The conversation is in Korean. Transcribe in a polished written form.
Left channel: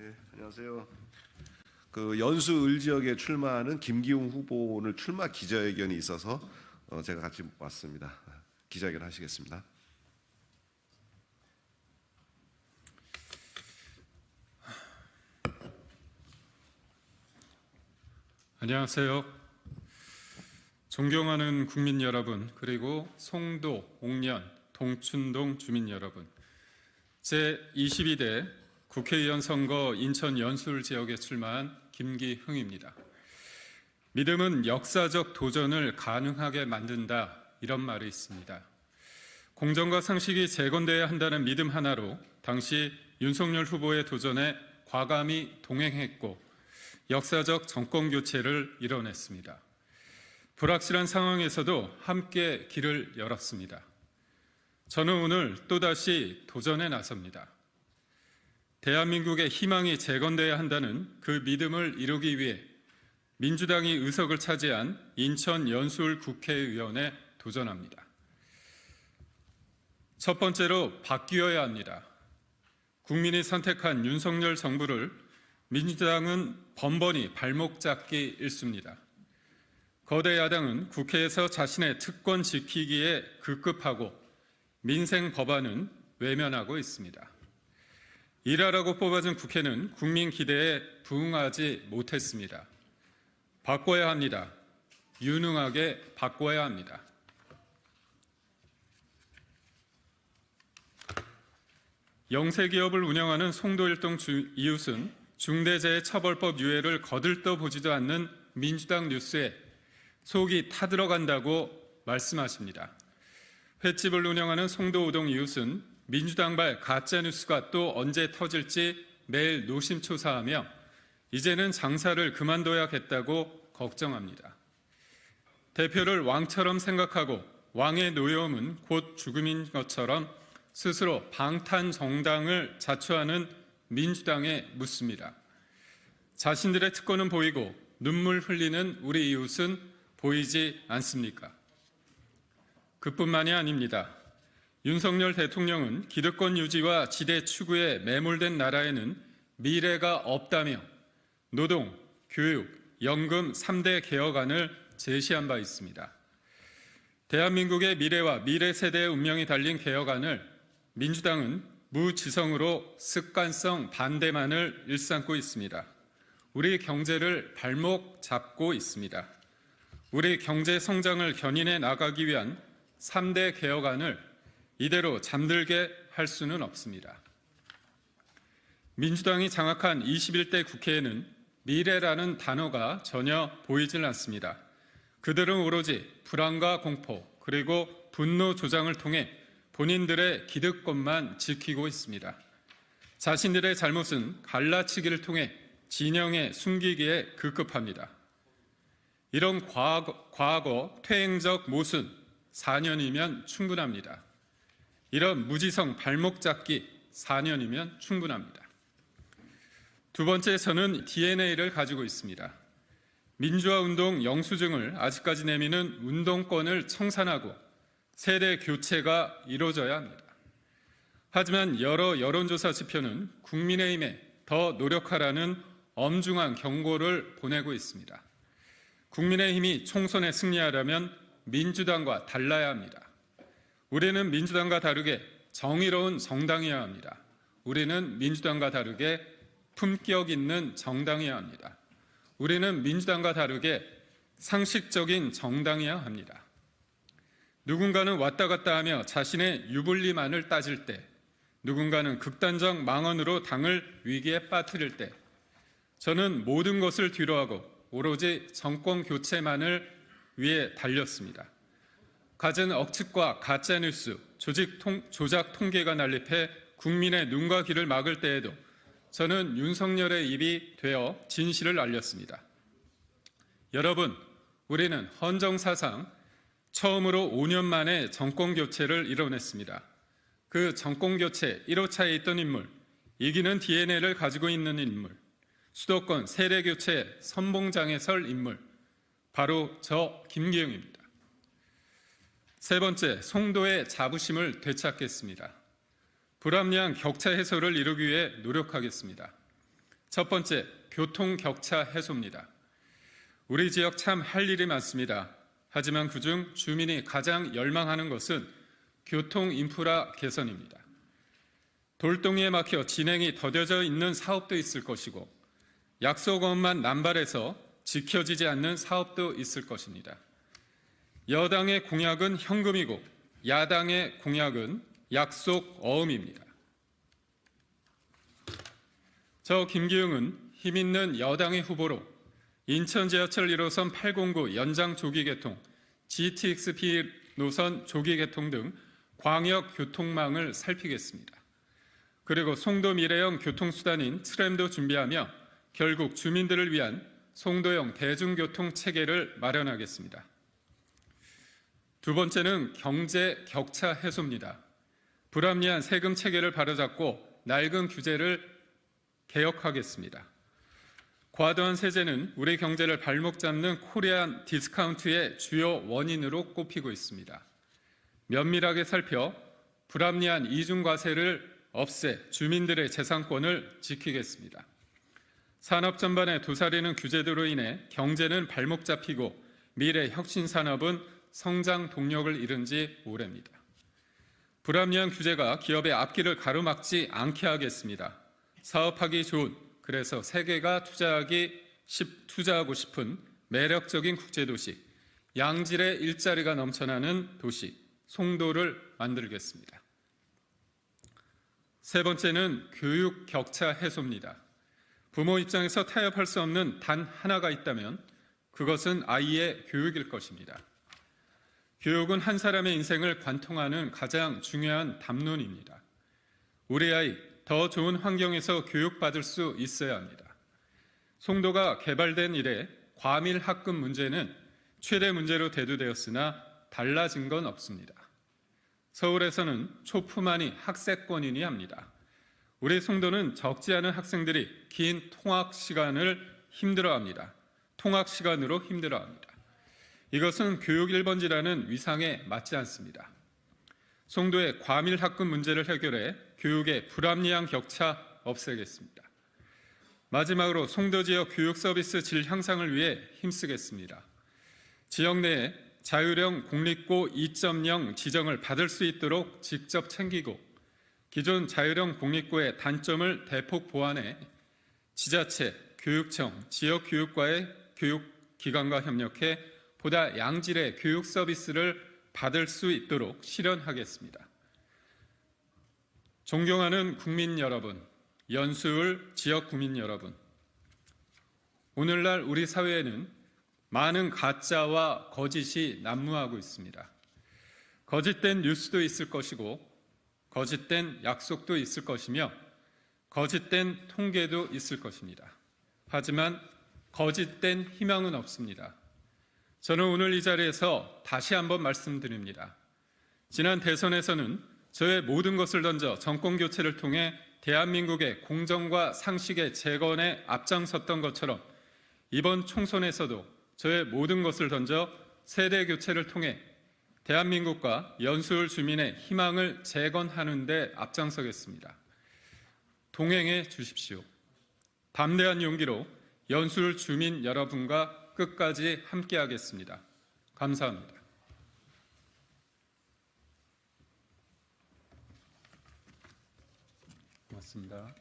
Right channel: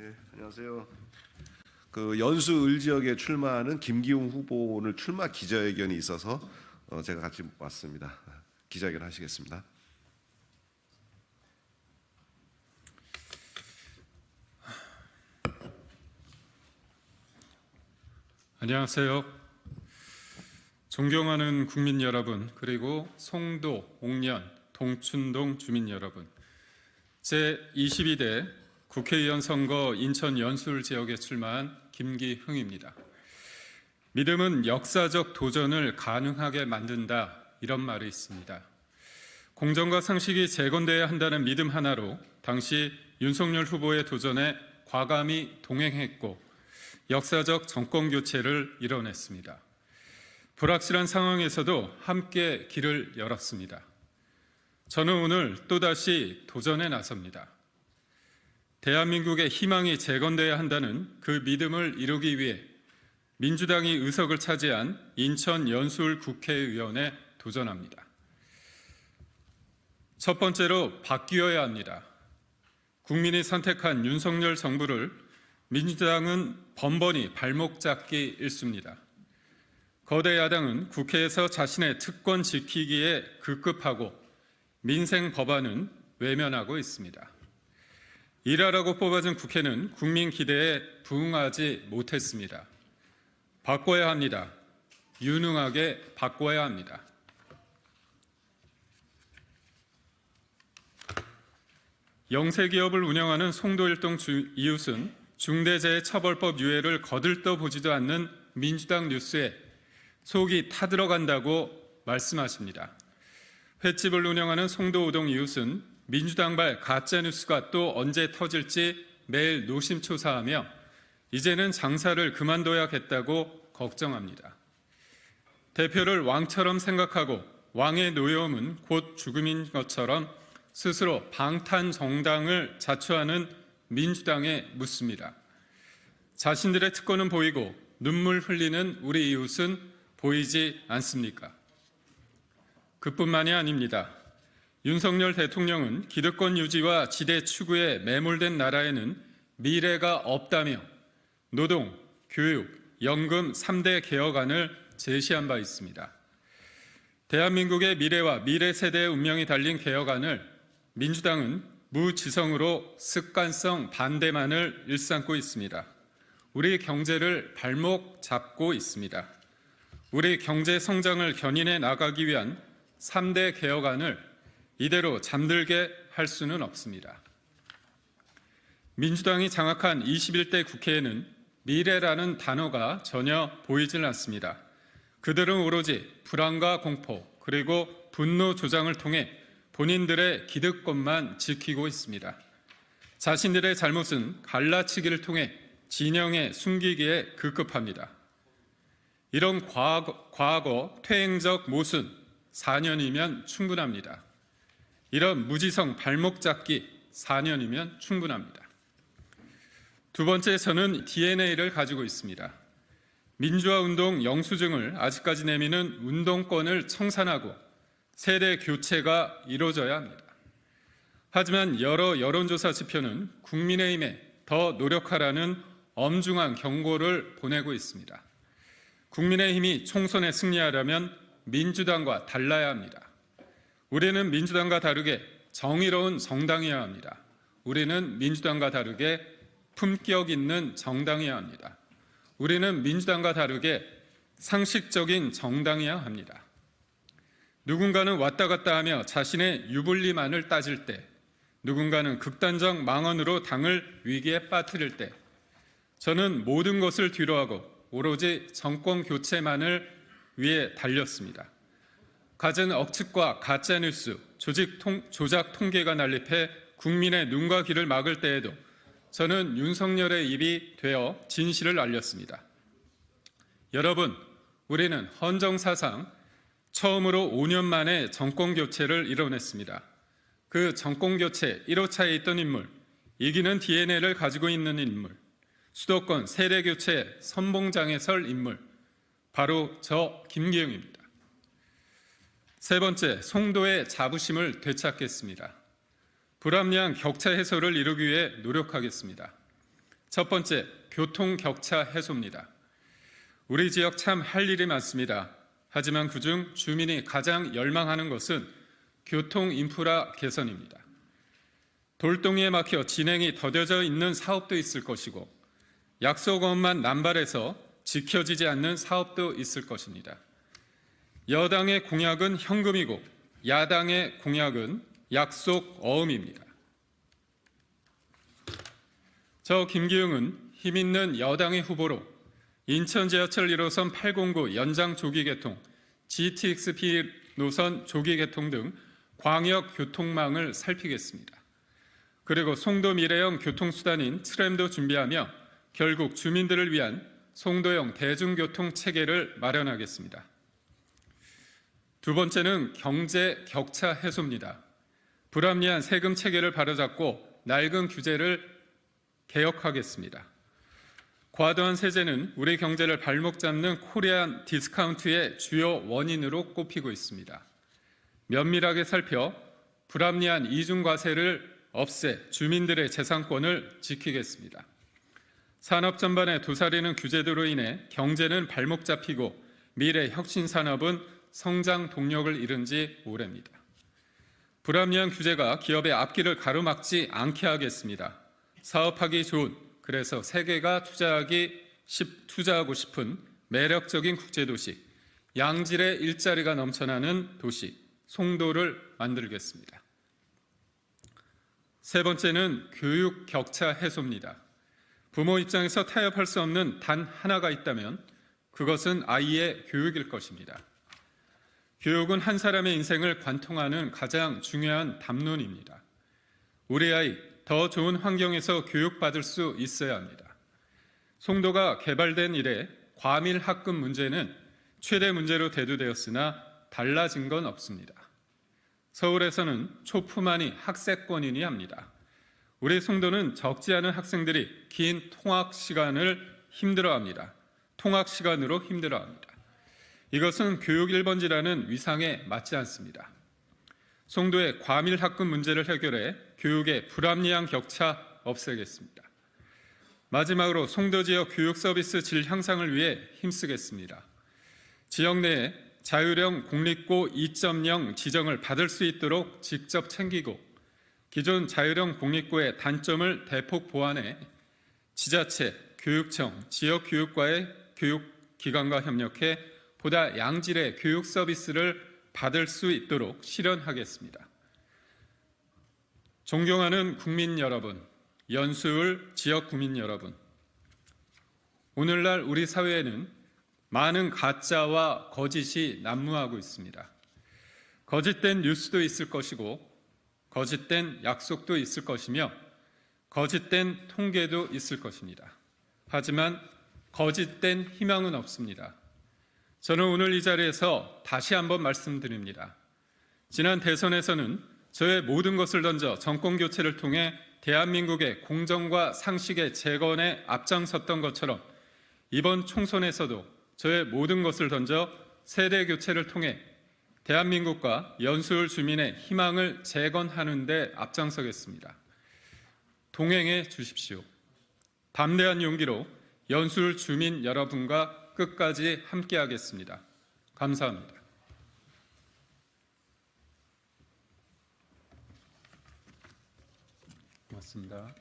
네, 안녕하세요. 연수 을지역에 출마하는 김기웅 후보 오늘 출마 기자회견이 있어서 제가 같이 왔습니다. 기자회견 하시겠습니다. 안녕하세요. 존경하는 국민 여러분, 그리고 송도, 옥년, 동춘동 주민 여러분, 제22대 국회의원 선거 인천 연수을 지역에 출마한 김기흥입니다. 믿음은 역사적 도전을 가능하게 만든다, 이런 말이 있습니다. 공정과 상식이 재건돼야 한다는 믿음 하나로 당시 윤석열 후보의 도전에 과감히 동행했고 역사적 정권 교체를 이뤄냈습니다. 불확실한 상황에서도 함께 길을 열었습니다. 저는 오늘 또다시 도전에 나섭니다. 대한민국의 희망이 재건돼야 한다는 그 믿음을 이루기 위해 민주당이 의석을 차지한 인천 연수을 국회의원에 도전합니다. 첫 번째로 바뀌어야 합니다. 국민이 선택한 윤석열 정부를 민주당은 번번이 발목 잡기 일쑤입니다. 거대 야당은 국회에서 자신의 특권 지키기에 급급하고 민생 법안은 외면하고 있습니다. 일하라고 뽑아준 국회는 국민 기대에 부응하지 못했습니다. 바꿔야 합니다. 유능하게 바꿔야 합니다. 영세기업을 운영하는 송도일동 이웃은 중대재해처벌법 유예를 거들떠보지도 않는 민주당 뉴스에 속이 타들어간다고 말씀하십니다. 횟집을 운영하는 송도우동 이웃은 민주당발 가짜뉴스가 또 언제 터질지 매일 노심초사하며 이제는 장사를 그만둬야겠다고 걱정합니다. 대표를 왕처럼 생각하고 왕의 노여움은 곧 죽음인 것처럼 스스로 방탄 정당을 자처하는 민주당에 묻습니다. 자신들의 특권은 보이고 눈물 흘리는 우리 이웃은 보이지 않습니까? 그뿐만이 아닙니다. 윤석열 대통령은 기득권 유지와 지대 추구에 매몰된 나라에는 미래가 없다며 노동, 교육, 연금 3대 개혁안을 제시한 바 있습니다. 대한민국의 미래와 미래 세대의 운명이 달린 개혁안을 민주당은 무지성으로 습관성 반대만을 일삼고 있습니다. 우리 경제를 발목 잡고 있습니다. 우리 경제 성장을 견인해 나가기 위한 3대 개혁안을 이대로 잠들게 할 수는 없습니다. 민주당이 장악한 21대 국회에는 미래라는 단어가 전혀 보이질 않습니다. 그들은 오로지 불안과 공포 그리고 분노 조장을 통해 본인들의 기득권만 지키고 있습니다. 자신들의 잘못은 갈라치기를 통해 진영에 숨기기에 급급합니다. 이런 과거 퇴행적 모순 4년이면 충분합니다. 이런 무지성 발목 잡기 4년이면 충분합니다. 두 번째, 저는 DNA를 가지고 있습니다. 민주화운동 영수증을 아직까지 내미는 운동권을 청산하고 세대 교체가 이루어져야 합니다. 하지만 여러 여론조사 지표는 국민의힘에 더 노력하라는 엄중한 경고를 보내고 있습니다. 국민의힘이 총선에 승리하려면 민주당과 달라야 합니다. 우리는 민주당과 다르게 정의로운 정당이어야 합니다. 우리는 민주당과 다르게 품격 있는 정당이어야 합니다. 우리는 민주당과 다르게 상식적인 정당이어야 합니다. 누군가는 왔다 갔다 하며 자신의 유불리만을 따질 때, 누군가는 극단적 망언으로 당을 위기에 빠뜨릴 때, 저는 모든 것을 뒤로하고 오로지 정권 교체만을 위해 달렸습니다. 갖은 억측과 가짜뉴스, 조작 통계가 난립해 국민의 눈과 귀를 막을 때에도 저는 윤석열의 입이 되어 진실을 알렸습니다. 여러분, 우리는 헌정사상 처음으로 5년 만에 정권교체를 이뤄냈습니다. 그 정권교체 1호차에 있던 인물, 이기는 DNA를 가지고 있는 인물, 수도권 세대교체 선봉장에 설 인물, 바로 저 김기흥입니다. 세 번째, 송도의 자부심을 되찾겠습니다. 불합리한 격차 해소를 이루기 위해 노력하겠습니다. 첫 번째, 교통 격차 해소입니다. 우리 지역 참 할 일이 많습니다. 하지만 그중 주민이 가장 열망하는 것은 교통 인프라 개선입니다. 돌덩이에 막혀 진행이 더뎌져 있는 사업도 있을 것이고 약속어만 남발해서 지켜지지 않는 사업도 있을 것입니다. 여당의 공약은 현금이고 야당의 공약은 약속 어음입니다. 저 김기웅은 힘있는 여당의 후보로 인천 지하철 1호선 809 연장 조기 개통, GTX-P 노선 조기 개통 등 광역 교통망을 살피겠습니다. 그리고 송도 미래형 교통수단인 트램도 준비하며 결국 주민들을 위한 송도형 대중교통 체계를 마련하겠습니다. 두 번째는 경제 격차 해소입니다. 불합리한 세금 체계를 바로잡고 낡은 규제를 개혁하겠습니다. 과도한 세제는 우리 경제를 발목 잡는 코리안 디스카운트의 주요 원인으로 꼽히고 있습니다. 면밀하게 살펴 불합리한 이중과세를 없애 주민들의 재산권을 지키겠습니다. 산업 전반에 도사리는 규제들로 인해 경제는 발목 잡히고 미래 혁신 산업은 성장 동력을 잃은 지 오래입니다. 불합리한 규제가 기업의 앞길을 가로막지 않게 하겠습니다. 사업하기 좋은, 그래서 세계가 투자하고 싶은 매력적인 국제도시, 양질의 일자리가 넘쳐나는 도시, 송도를 만들겠습니다. 세 번째는 교육 격차 해소입니다. 부모 입장에서 타협할 수 없는 단 하나가 있다면 그것은 아이의 교육일 것입니다. 교육은 한 사람의 인생을 관통하는 가장 중요한 담론입니다. 우리 아이 더 좋은 환경에서 교육받을 수 있어야 합니다. 송도가 개발된 이래 과밀 학급 문제는 최대 문제로 대두되었으나 달라진 건 없습니다. 서울에서는 초품만이 학세권이니 합니다. 우리 송도는 적지 않은 학생들이 긴 통학 시간으로 힘들어합니다. 이것은 교육 1번지라는 위상에 맞지 않습니다. 송도의 과밀 학급 문제를 해결해 교육의 불합리한 격차 없애겠습니다. 마지막으로 송도 지역 교육 서비스 질 향상을 위해 힘쓰겠습니다. 지역 내에 자율형 공립고 2.0 지정을 받을 수 있도록 직접 챙기고 기존 자율형 공립고의 단점을 대폭 보완해 지자체, 교육청, 지역교육과의 교육기관과 협력해 보다 양질의 교육 서비스를 받을 수 있도록 실현하겠습니다. 존경하는 국민 여러분, 연수울 지역 구민 여러분, 오늘날 우리 사회에는 많은 가짜와 거짓이 난무하고 있습니다. 거짓된 뉴스도 있을 것이고 거짓된 약속도 있을 것이며 거짓된 통계도 있을 것입니다. 하지만 거짓된 희망은 없습니다. 저는 오늘 이 자리에서 다시 한번 말씀드립니다. 지난 대선에서는 저의 모든 것을 던져 정권교체를 통해 대한민국의 공정과 상식의 재건에 앞장섰던 것처럼 이번 총선에서도 저의 모든 것을 던져 세대교체를 통해 대한민국과 연수울 주민의 희망을 재건하는 데 앞장서겠습니다. 동행해 주십시오. 담대한 용기로 연수울 주민 여러분과 끝까지 함께하겠습니다. 감사합니다. 고맙습니다.